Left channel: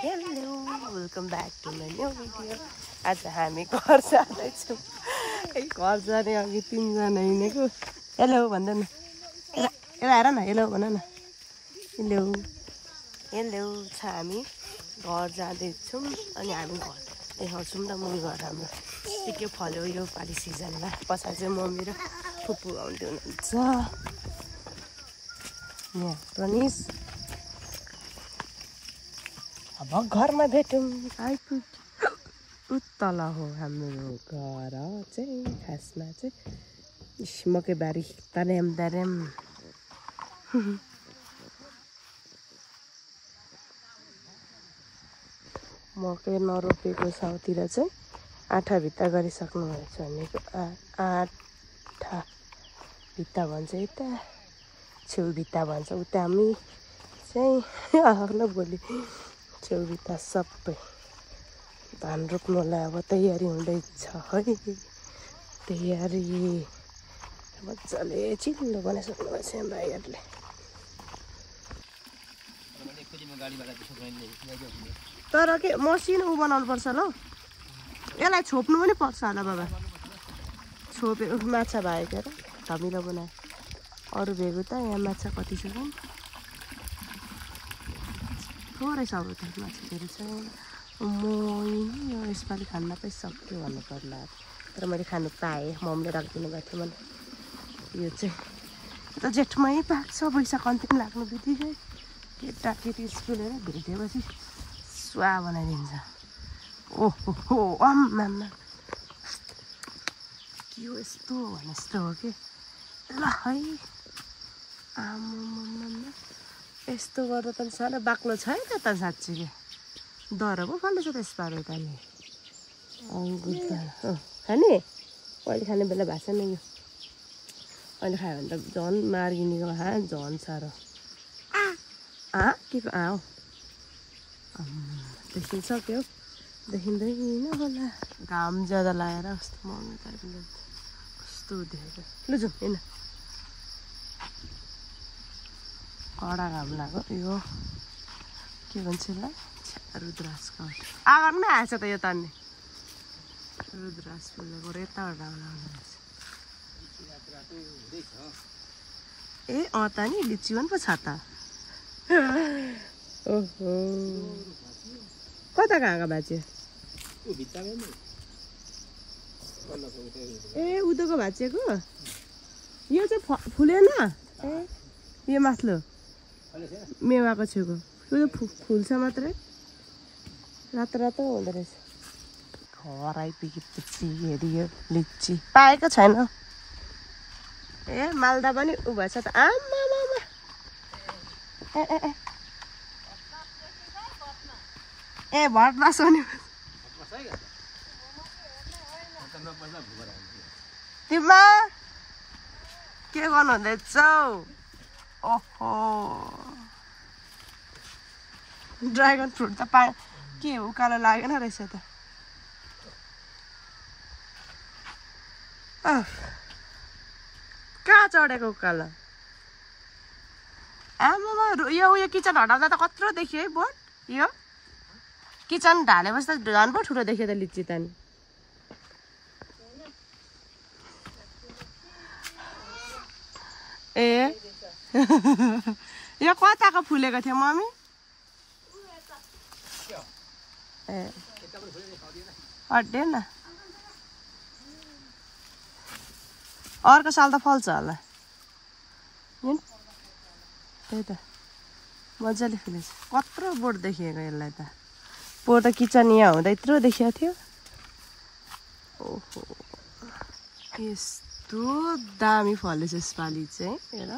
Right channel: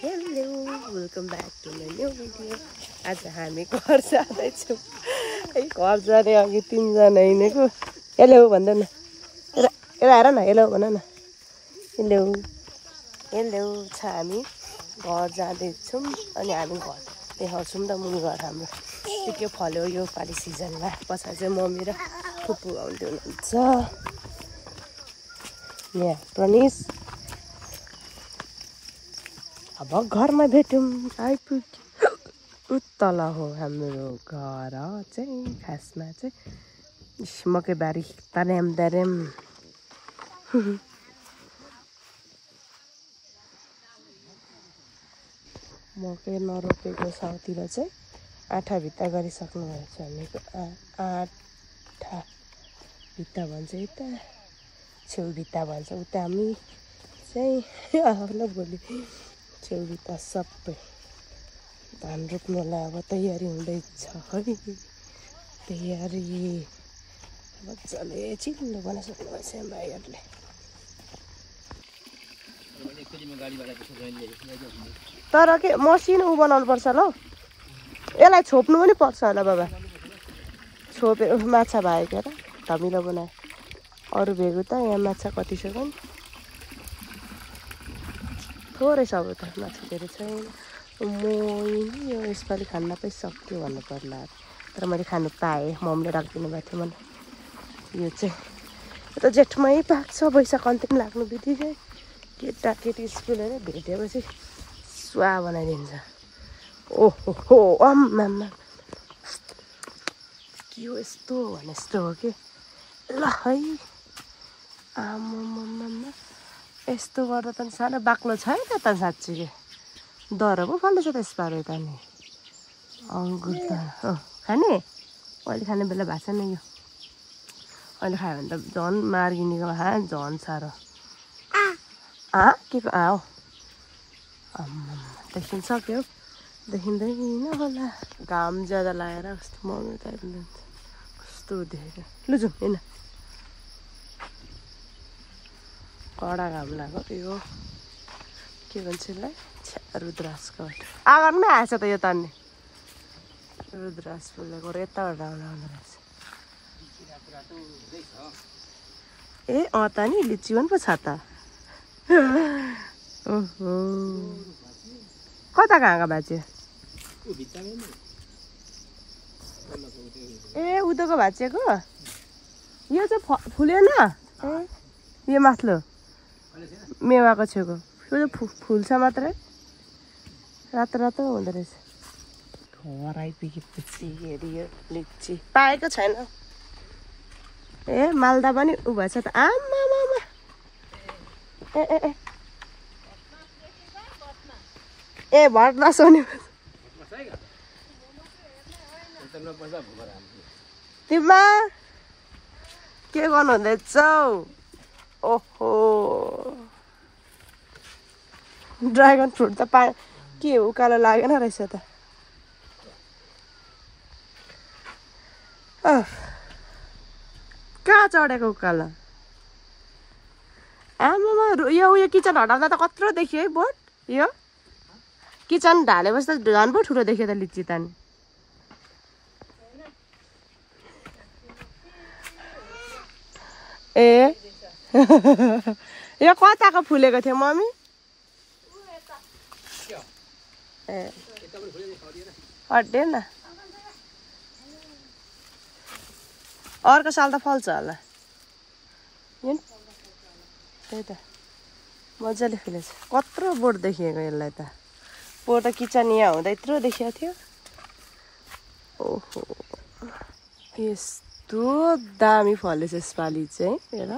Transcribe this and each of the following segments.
Hello, welcome back to my new video. आज हामी घर जाँदैछौँ। घर जाने अघि तीनजना हिँडेको। हेलो भन्दा न। यता हेर न, हेलो भन न। हेलो हेलो छ हामी घर जाँदैछौँ अनि हामी घर देखाउँछौँ त मुनि घर हाम्रो के फल्यो यो पालि सिजनमा। पछाडि चाहिँ मम्मी र फुपू आउँदै हुनुहुन्छ। यहाँ प्रनिस अब घरमा भेटौँ आइपुग्यो। उत्तल हो हाम्रो घर चाहिँ खासमा चाहिँ मकैबारी तारेम तारेम। मकै नरोपेको साउतिर चाहिँ आँठा भित्ता गरिसक्नुहुन्छ भनेको। आँठा भित्ता भन्छ यता, छेउ भित्ता भन्छ उता। हामी चाहिँ आफ्नो भोलि छेउ भित्ता सबै धान रोप्नुलाई अब तयारी हुँदैछ है। तयारी मजाले चिल्लो बनाइसक्नु भएछ भाइहरूले। तर के मसिन उ बनाउनु पर्छ ल, यसलाई छोप्नु पनि पर्छ होला बाबा। छोपे माछा भयो क्या र धमिलो बनायो। अरू भेगो त यहाँ माछा कति छ नि, थोरै छ अब त माछा धेरै छैन। म यो यसपालि खान नपाइसक्यो भन्नु पर्ला, तर मैले खानु पाएँ। मम्मीले राखिदिनु भएको थियो मलाई। यो चाहिँ यो त जेठमै पाक्छ, वैशाख अन्तिम लाग्नु बित्तिकै केटाकेटी स्कुल होइन भेटेपछि सुवा बनाइदिन्छ। ओहो हो आम्मामा के हो यस्तो भने जस्तो हो कि ल है। आम्मामा यस्तो गर्दा त सानो बाक्लो छैन त साँच्ची के डर पो फाल्दैछ त यसपालि त नि। अङ्गुर खाने अहिले खाने बेला भएको छैन यो। अहिले खायो भने त झन् मार्गिनेको खा झन् साह्रो। के को हो देखिसक्यो, देखिँदैन होला। घाम ज्यादा लगाएर कस्तो मम्मी त कस्तो देखेको। लु जाउँ होइन, कडा घाम लाग्यो। यो के भन्छ यसलाई, रुद्राक्ष काठ। आँगनमै आएछ त यो तान्ने रुद्राक्ष फुलेको यताबाट आउँदो रहेछ। ए त नि लिची पनि पो छ त। कता कहाँ भाँच्यो? ए उदोको भाँचिएको यो चाहिँ फुलेन। यो माथलो मेवाको छेउको यो फुल्छ मात्रै, रातो रातो हुँदो रहेछ। घर आइपुगेपछि हेरियो लिची पाएको छैन। ए मालदा पनि उ भएछ त। आमामा ए भट नसोनी तिमीमा के गर्नु हुँदैछौ? ओहो ड्रागन फ्रुट त के उकालो लागेन रहेछ त। कहाँ चढेको उकालो? आमामा यो किचन हटाउँदा त कत्रो देखियो है बोट। यो किचन ढालेपछि त झन् पो ठुलो देखियो त लिची त नि। ए यो कताको फुलेको थियो मम्मी? ए हट्यो न, अर्को साल त फल्छ होला। त्यही त मजाले फुलेछ। कत्रो बोट देखिएको यसलाई त। बोट त किचन यहाँ हुँदा यत्रो देखिएको थियो। ओहो यस्तो दामी फलेछ यसपालि चाहिँ। हेर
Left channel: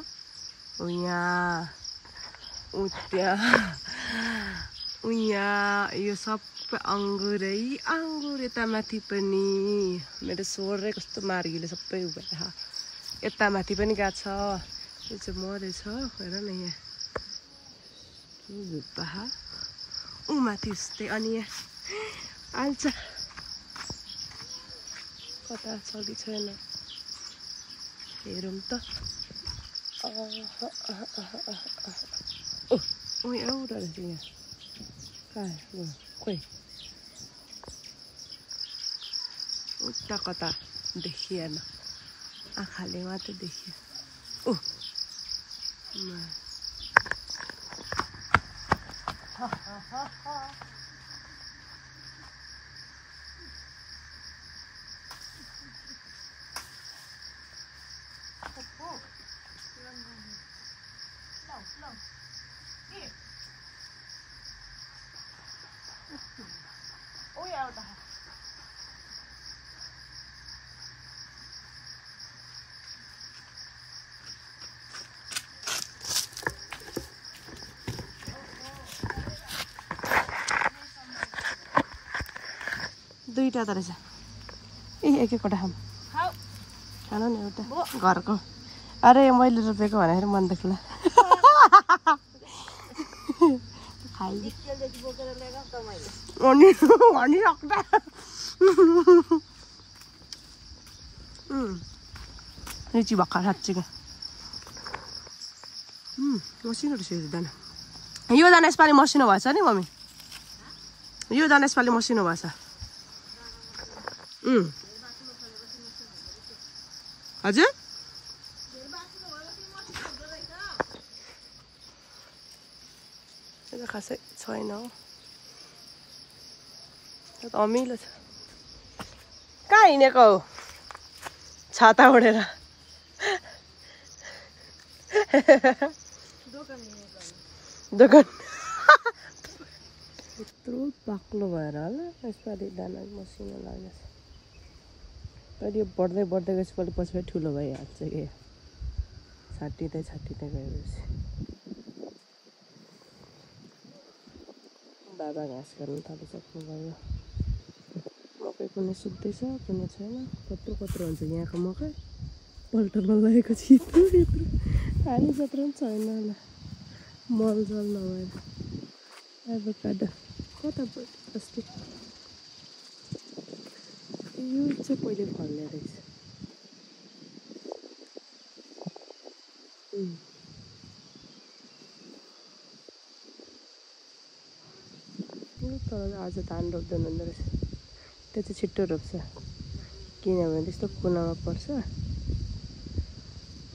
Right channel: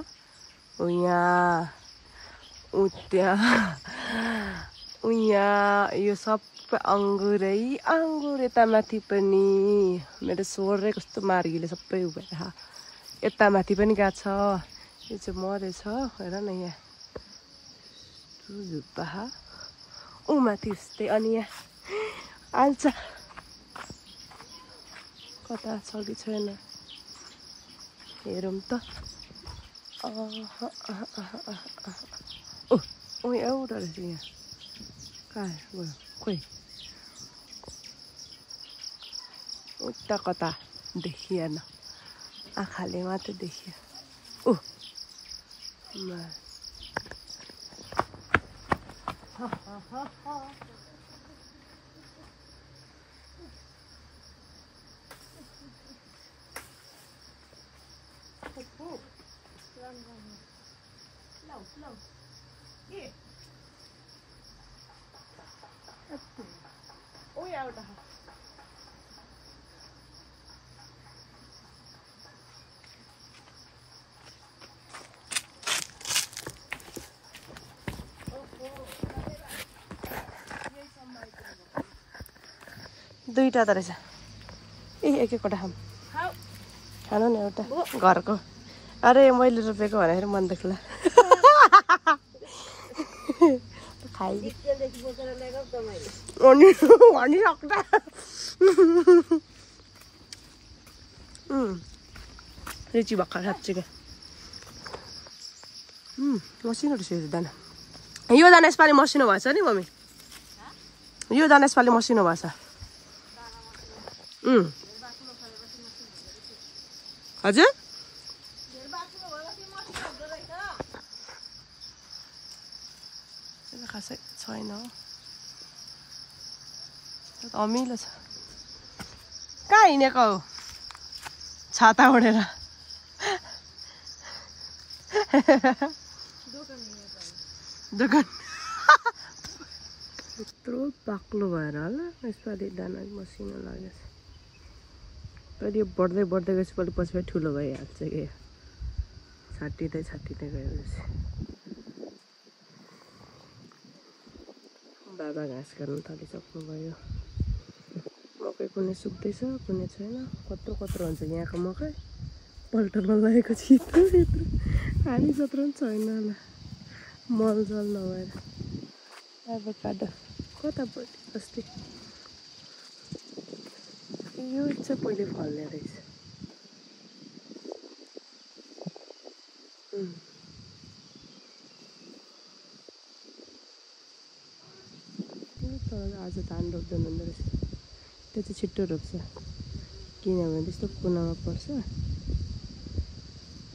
यहाँ यहाँ यो सबै अङ्गुरै अङ्गुर। यता माथि पनि मेरो स्वरै कस्तो मार्गीले सबै उभेर। यता माथि पनि गएको छ। यो चाहिँ मरेछ। हेर न यहाँ झुप्पा ऊ माथि उस्तै। अनि यहाँ आल्छ कता छ कि छैन हेरौँ त। एउटा रहेछ यहाँ। खोइ उता कता देखिएन आँखाले मात्र देखियो ऊ दुईटा त रहेछ एक एकवटा खानु नि एउटा घरको अरे मैले रोपेको भनेर मन दुख्ला रुचि भर्खर साँच्चीको मसिनो रहेछ दाना यो दाना यसपालि मसिनो भएछ नि मम्मी यो दाना यसपालि मसिनो भएछ हजुर खासै छैन हो अमिलो छ कहाँ हिँडेको हो छाता उडेर दोकान यत्रो बाक्लो भएर होला यसपालि दाना मसिनो लागेको छ कहिले बढ्दै बढ्दै गएपछि पछि पछि ठुलो भइहाल्छ कि छाटिँदै गएपछि बाबा घाँस काट्नु थालिसक्नुभयो मकै कुनै सुक्दैछ कुनै छैन कत्रो हुन्छ यहाँको मकै पल्टमा लागेको छिटो यत्रो हामी जत्रो पनि छैन होला मलजल नभएर अब काट कता पऱ्यो अस्ति यो चाहिँ पहिले फल्ने रहेछ तर आज धान रोप्दैन हुँदो रहेछ त्यो चाहिँ छिट्टो रोप्छ किनभने त्यस्तो कुनामा पर्छ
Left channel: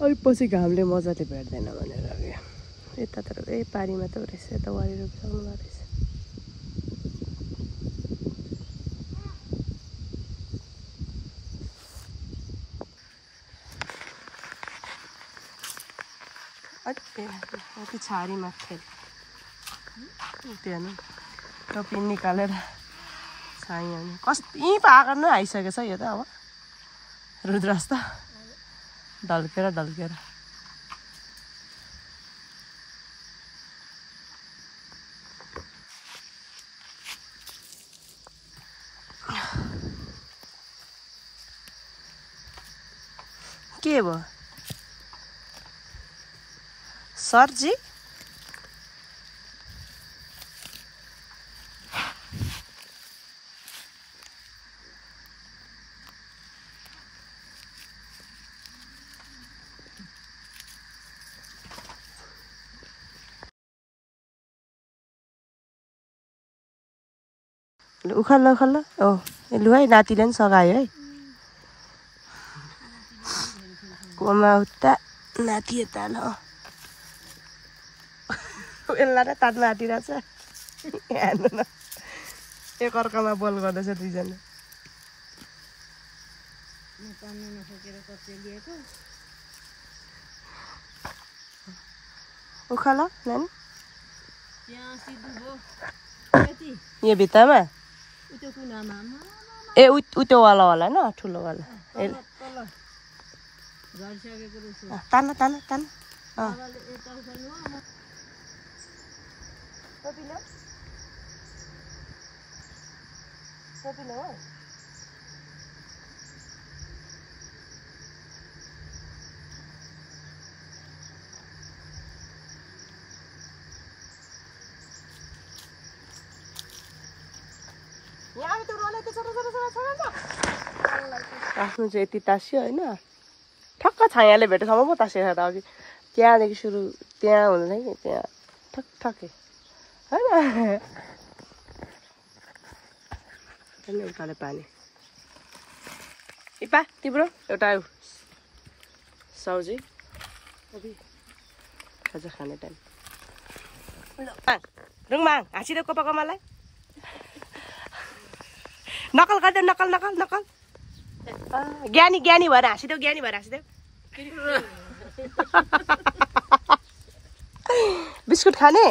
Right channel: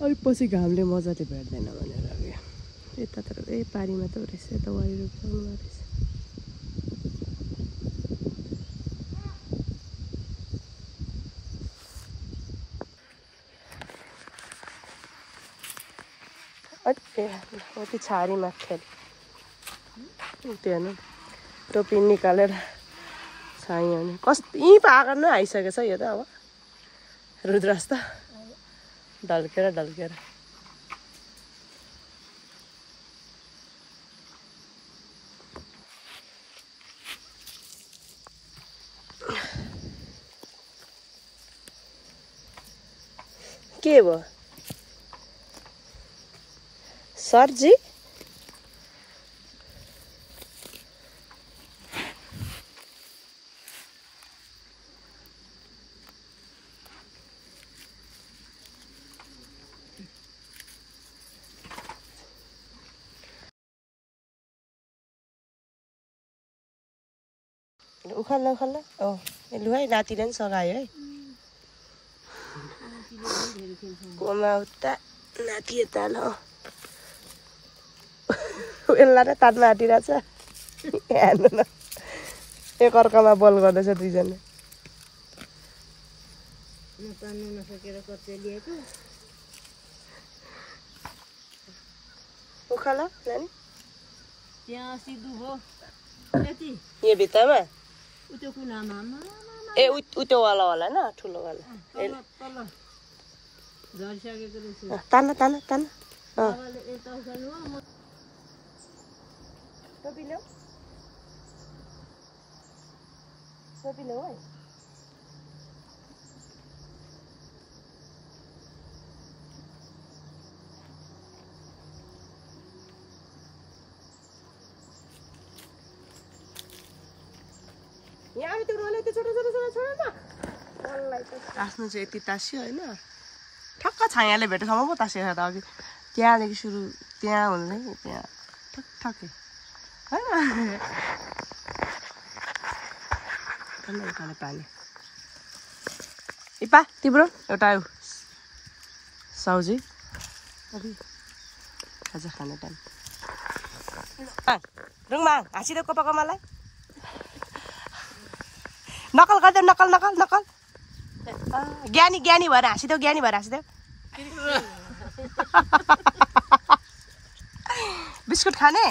अलिक पछि घामले मजाले भेट्दैन भनेर यता तर पारीमा त रहेछ यता वारी रोपिसक्नु भएको रहेछ अति छारी माथि त्यो हेर्नु टोपी निकालेर छाइयो नि कस्तो यहीँ पाकर नै आइसकेको छ यो त अब रुद्रास त ढल्केर के भयो सरजी उखाल्ला लु है नातिले पनि सघायो है कोमा उता नाति यता ल यसलाई नै तात्न आँटिरहेछ हेर्नु न एकअर्कामा बल गर्दैछ दुईजना उखाल नानी यो भित्तामा ए त्यो वाला होला होइन ठुलो वाला तान सोपिलो है यहाँ त्यो रोले त्यो छोटो आफ्नो चाहिँ यति तास्यो होइन ठक्क छायाले भेटेको ठाउँमा पो तासेको छ त अघि त्यहाँदेखि सुरु त्यहाँ हुँदैन कि त्यहाँ ठक्कै होइन टन्न उकाले पानी इपा तिम्रो एउटा सब्जी अभी खाजा खाने टाइम रुङमाङ हाँसिदेऊ कोपाकोमालाई नकल गर्दै नकल नकल नकल ज्ञानी ज्ञानी भएर हाँसिदेऊ ज्ञानी भएर हाँसिदेऊ बिस्कुट खाने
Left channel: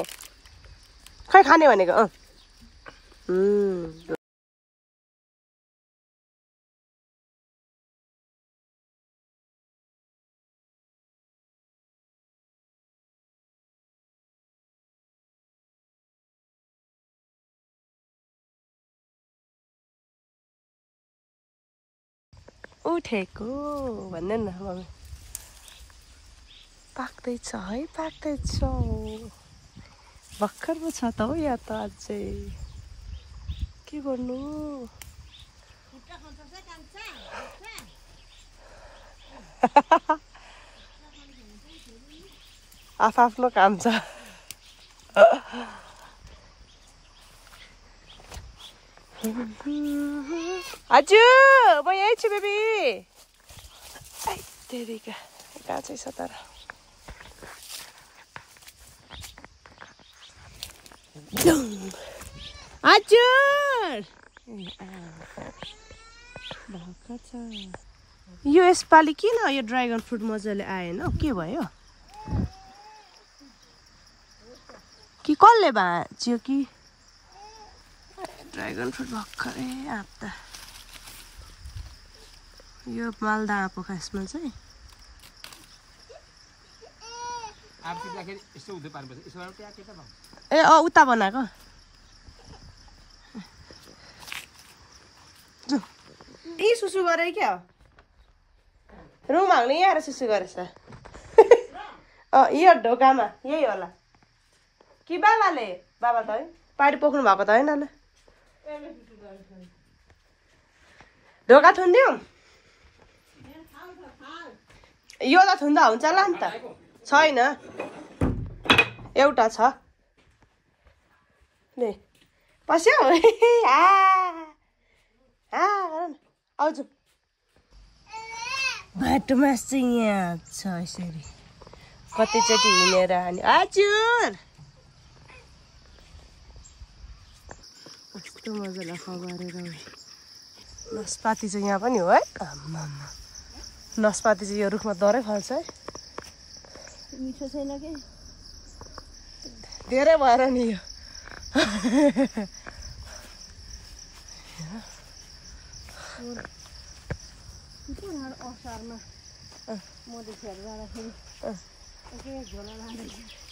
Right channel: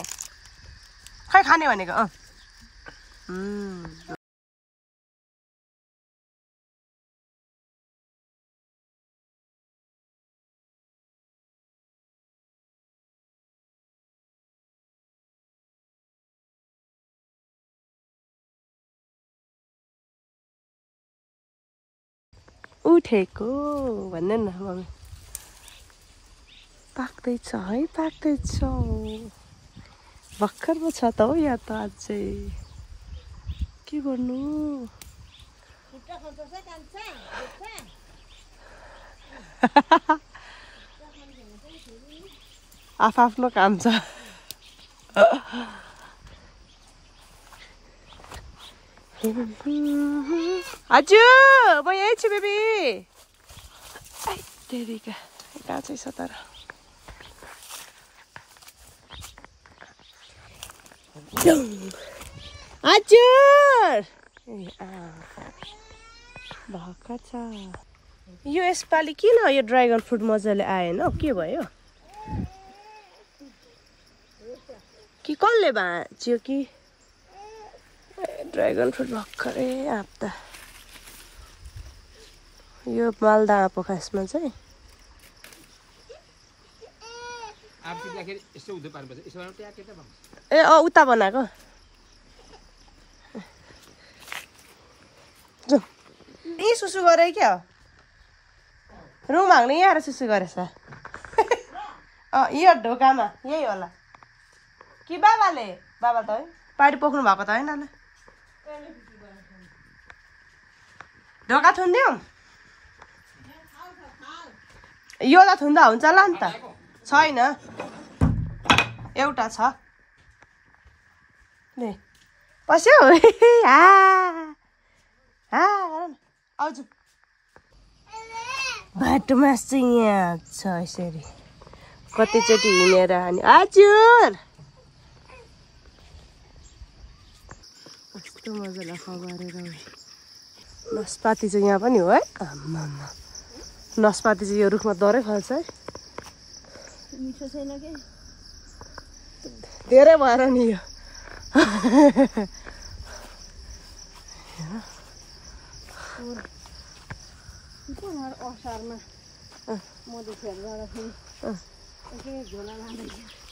खै खाने भनेको उठेको भन्ने न मम्मी पाक्दैछ है पाक्दैछ भर्खर पो छ त हो यहाँ त अझै के गर्नु आफ्नो काम छ हजुर म यही छु बेबी बेबीको गाछै छ तर हजुर भर्खर छ यो यसपालि किन यो ड्रागन फ्रुट मजाले आएन के भयो कि कसले भाँच्यो कि ड्रागन फ्रुट भर्खरै आप्दा यो मालदा आँपो खासमा चाहिँ ए उता बनाएको यही सुसु गरे क्या रुम हाल्ने यहाँ आएर सुसु गरेछ यो ढोकामा यही होला कि बाबाले बाबा त है पाडी पोख्नु भएको त होइन ल ढोका थुनिदिउँ यो त थुन्दा हुन्छ होला नि त छैन एउटा छ ले पस्यो आउँछु बाटोमा चाहिँ यहाँ छ यसरी कतिचोटि हिँडेर अनि हजुर कस्तो मजाले खबरेर नास्पाती चाहिँ यहाँ पनि हो है नास्पाती चाहिँ यो रुखमा डरै फल्छ है मिठो छैन के धेरै भएर नि यो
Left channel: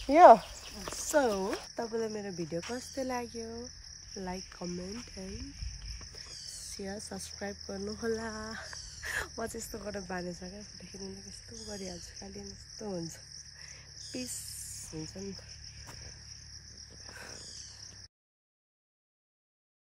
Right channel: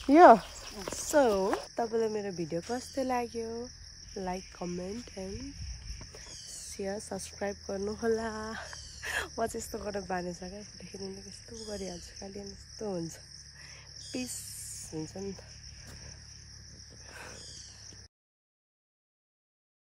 यो सो तपाईँलाई मेरो भिडियो कस्तो लाग्यो like comment and share subscribe गर्नु होला म चाहिँ यस्तो गर्न बानी छ क्या फोटो खिच्नु कस्तो गरिहाल्छु खालि यस्तो हुन्छ पिस हुन्छ नि त